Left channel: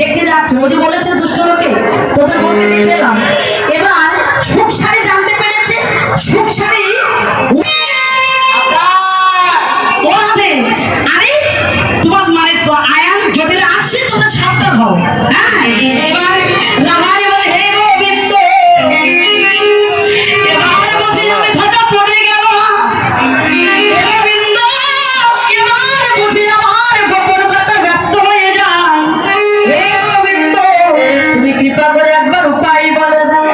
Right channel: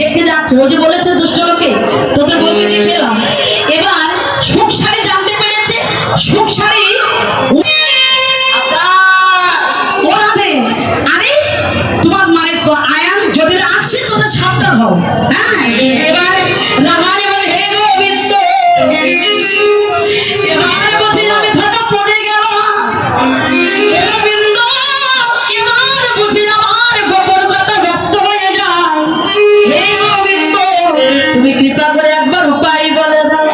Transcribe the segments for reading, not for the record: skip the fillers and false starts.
দেখতে যাচ্ছে, ওই যে বলেছে দুষ্ট লোকে তোদের বলতে পেলাম। এবার সুখ সারি জানতে পেরেছে, সুখ সারি আরে তোমার মানে তো আয়ান যদি আসে তোমরা সাবধান হও। হ্যাঁ, এবার রামানে বলে হে গোবিন্দ, এবার বুঝি আমি ধরা পড়ে গেল গোবিন্দ, এবার বুঝি আমার গোপন কথা ব্যক্ত হয়ে যায়। হে গোবিন্দ, তুমি কৃপা করে একবার উপায় বলে দাও।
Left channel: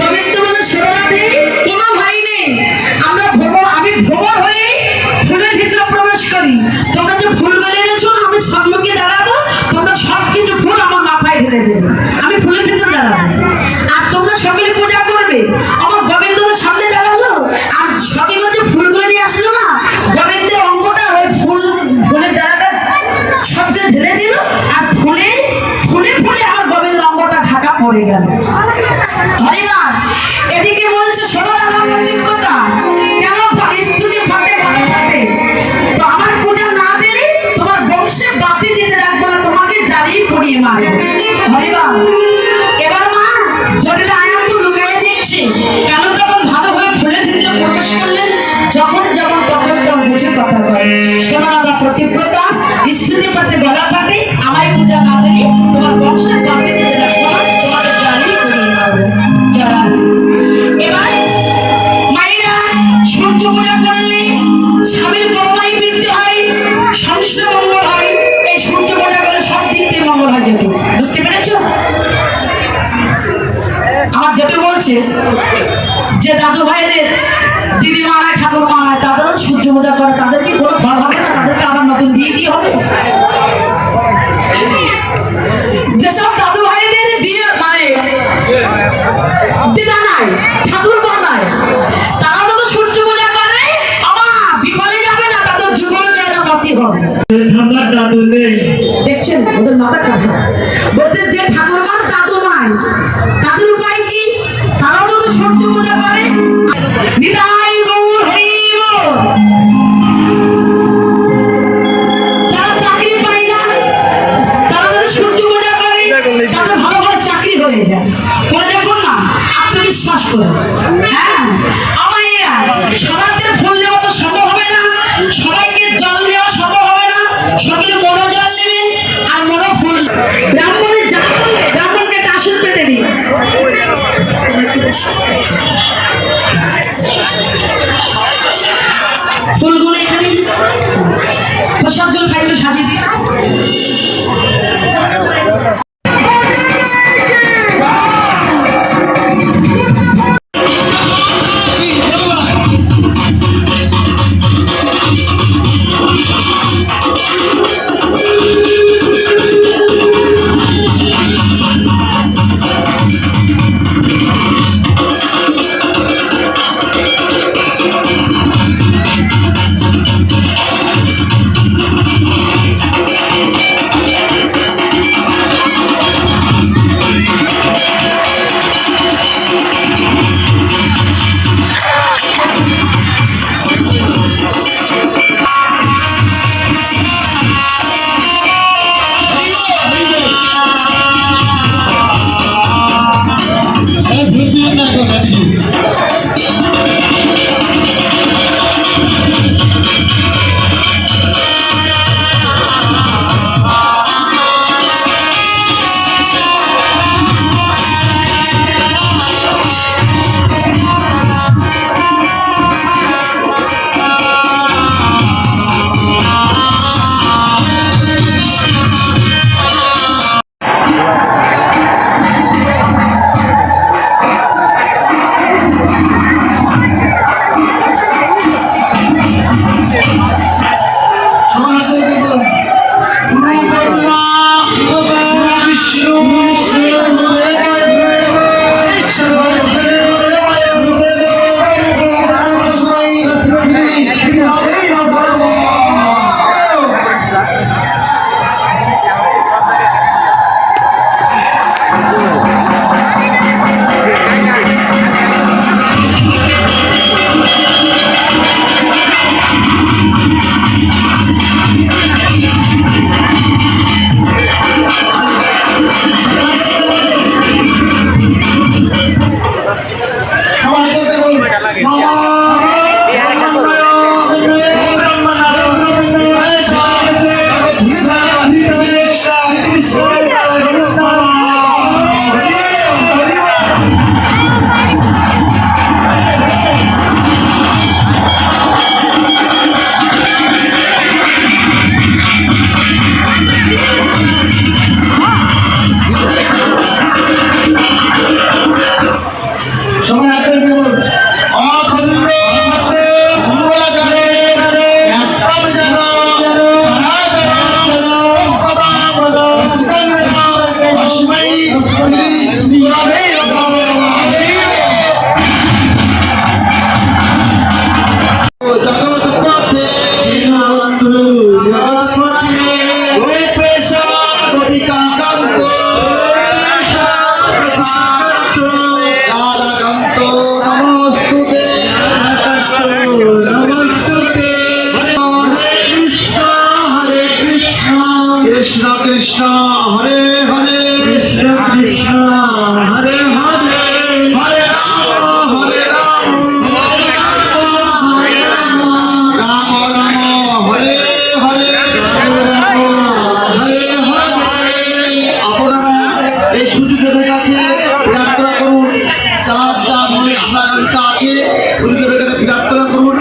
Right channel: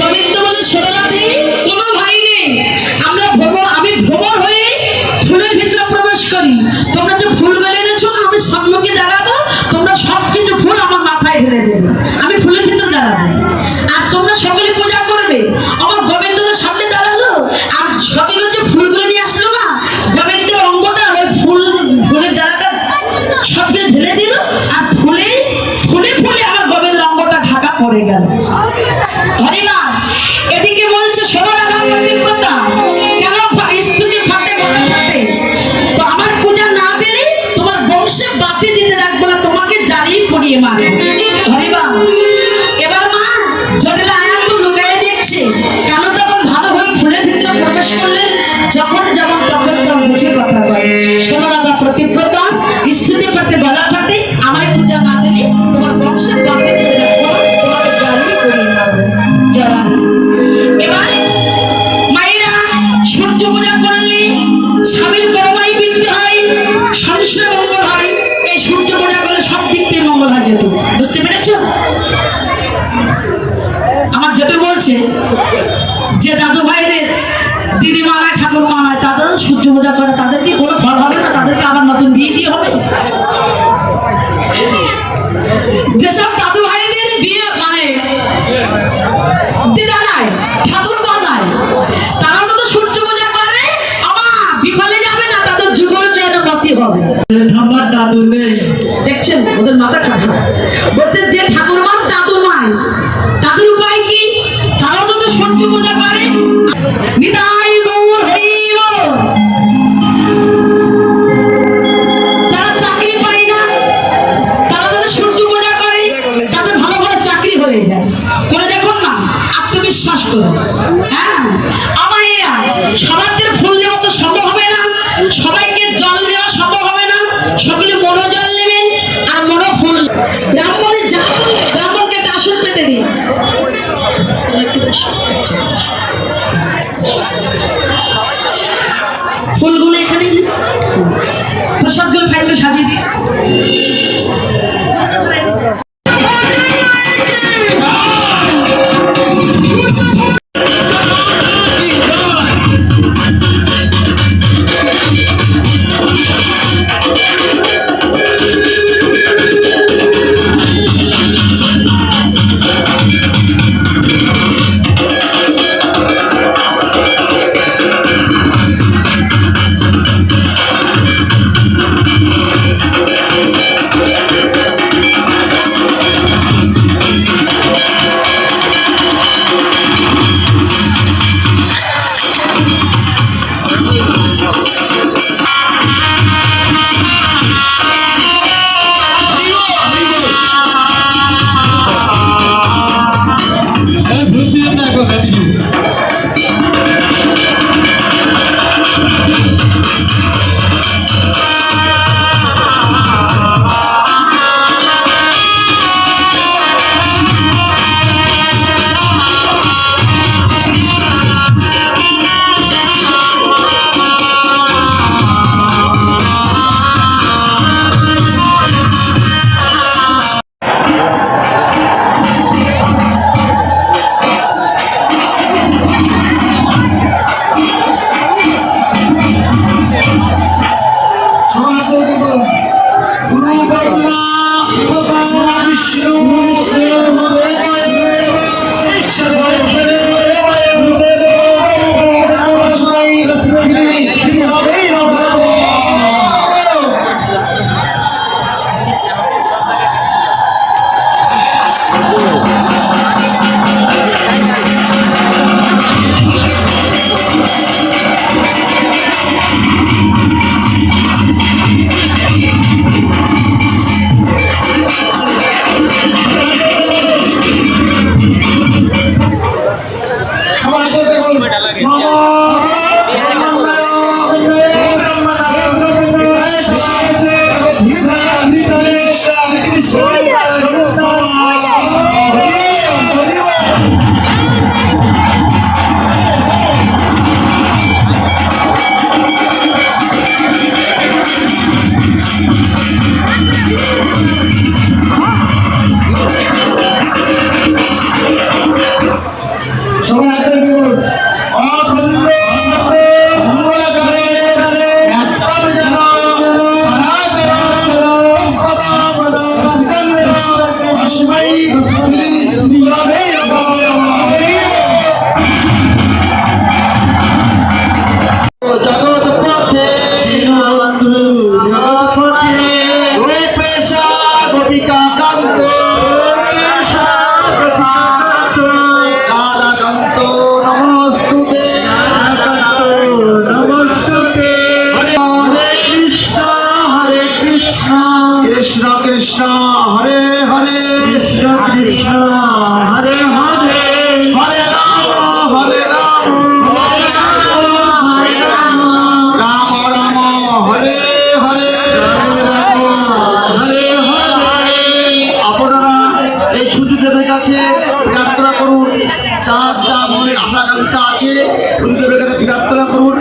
গোবিন্দ বলে সোনাদি কোনো ভাই নেই, আমরা আমি ভ্রমণ হয়ে ফুলের ভিতরে প্রবেশ করি। তোমরা যে ফুল বেলে এনেছো আমি সম্মুখে দাঁড়াবো, তোমরা সবকিছু ফুল আমার মাথায় ঢেলে দেবে, আমি ফুলের ভিতরে দাঁড়াবো আর তোমরা সকলে পূজা করবে। আমার গোবিন্দদের সামনে দাঁড়ালো আর সকলে হচ্ছে ফুলগুলো নিয়ে আসলো না, গোবিন্দের অঙ্গটা ওই ফুলের ডালাটা সবকে ঢেলে দিল আর ফুলে ফুলে ফুলে আমার গোবিন্দের অঙ্গটা ঢাকা পড়ে গেল। হরিবার এদিকে বলছে সোনার আমার কথা কেন স্তুতি ফাটে গলা ফাটে, তো আমার পূজা না দিলে তোমার বংশে বাতি দিতে রাখবো না, তোমাকে জ্বালিয়ে পুড়িয়ে মারবো। হরিবার এবার মা জটিল আয়ান তো লুকিয়ে দেখছে কেন তখন ভালোভাবে ফুলের ভিতরে প্রবেশ করলেন, যখন যেমন তখন তখন বুঝে কথা বলে। সোনার আমার প্রতিব্রতা স্তুতি ফাটে গলা ফাটে, আমার পূজা না দিলে তোমার বংশে বাতি দিতে রাখবো না, তোমাকে জ্বালিয়ে পুড়িয়ে মারবো। এবার মায়েরা সূর্য পূজা করলে স্বামীর বড়মাই বৃদ্ধি হয়, সংসারে মঙ্গল হয়। এই সূর্য পূজা করলে সব দিক থেকে মঙ্গল হয়। যেহেতু বুঝতে পেরেছ, আমার যেহেতু বলছে যে দাদু ভাইদের দিদি মানায় ঠাকুর মানায় তাদের সূর্য পূজা করে, তাদের কি কোনো ফল হবে না? তাদেরকে আবার নতুন বিয়ে কি হবে? যেসব দাদু ভাইদের বিয়ে মানে দিদা নাই ঠাকুর বানায়, তারা তো সূর্য পূজা করে, আমার বিফলে যাবে না, তাদের যুগের জন্য নতি হবে। আমার দাদু নেই, দেখছেন ওদের মাথা খারাপ। বলতে যে ঠাকুরমার দাদু নাই তাদের উপায় কি? তারাও তো সূর্য পূজা করে। নিতাই গৌর হরি বল। যারা চাকরি পায় না তারা যদি সূর্য পূজা করে তাদের ভালো ভালো চাকরি হয়ে যায়। করে দেখুন না, আত্মবিশ্বাস করে। হ্যাঁ, আমার সবার থেকে ফুল দেওয়া তো সম্ভব হবে না, সবাইকে জল দেওয়া সম্ভব হবে না, সকলে মনো জল নেবেন আর মনো ফুল। ব্রাহ্মণের যা করলে ব্রাহ্মণকে একটা আসন পেতে দিন। ফুলগুলো এখানে প্রসাদগুলো খাইতে সাজিয়ে দিন। কৃষ্ণ হরে হরে কৃষ্ণ কৃষ্ণ হরে হরে হরে রাম রাম রাম হরে হরে আপনারা এই সূর্যদেবের কাছে প্রার্থনা করুন, যার যা মনে আকাঙ্ক্ষা আছে সূর্যদেবের কাছে প্রার্থনা করুন।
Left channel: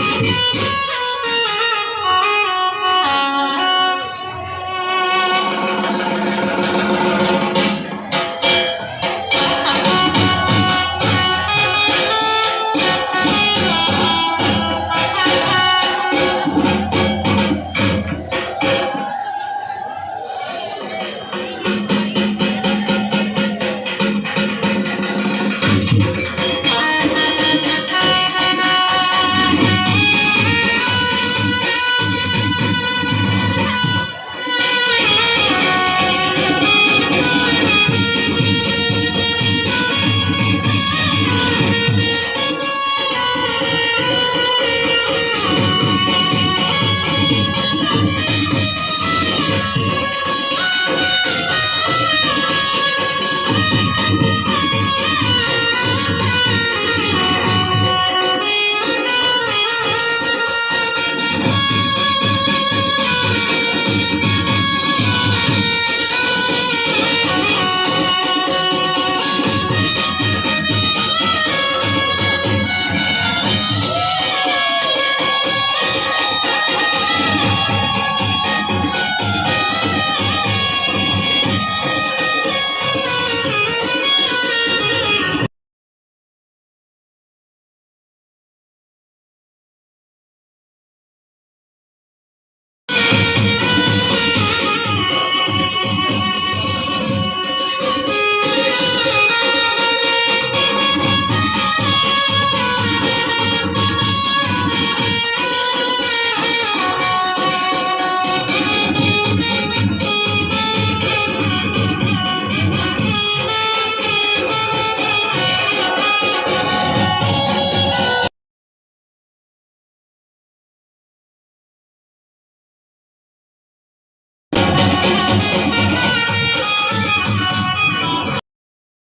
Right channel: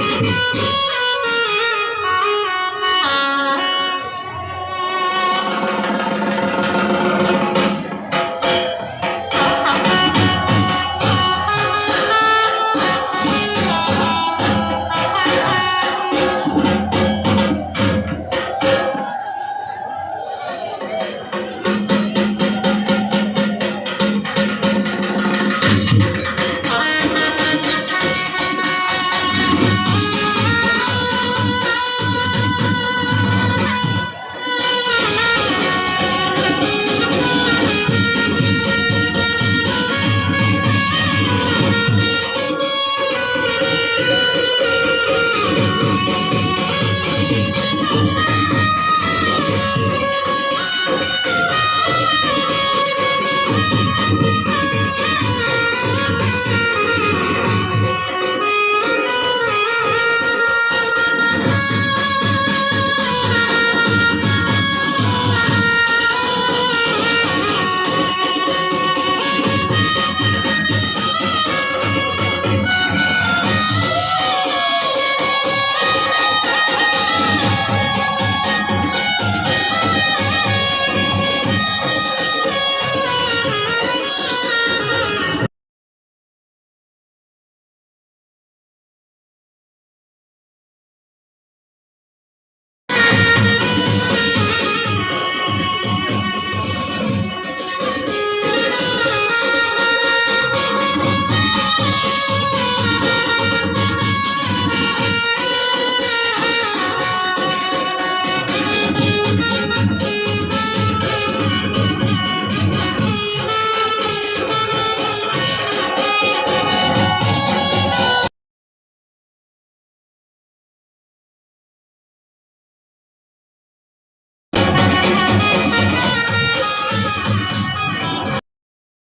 Thank you.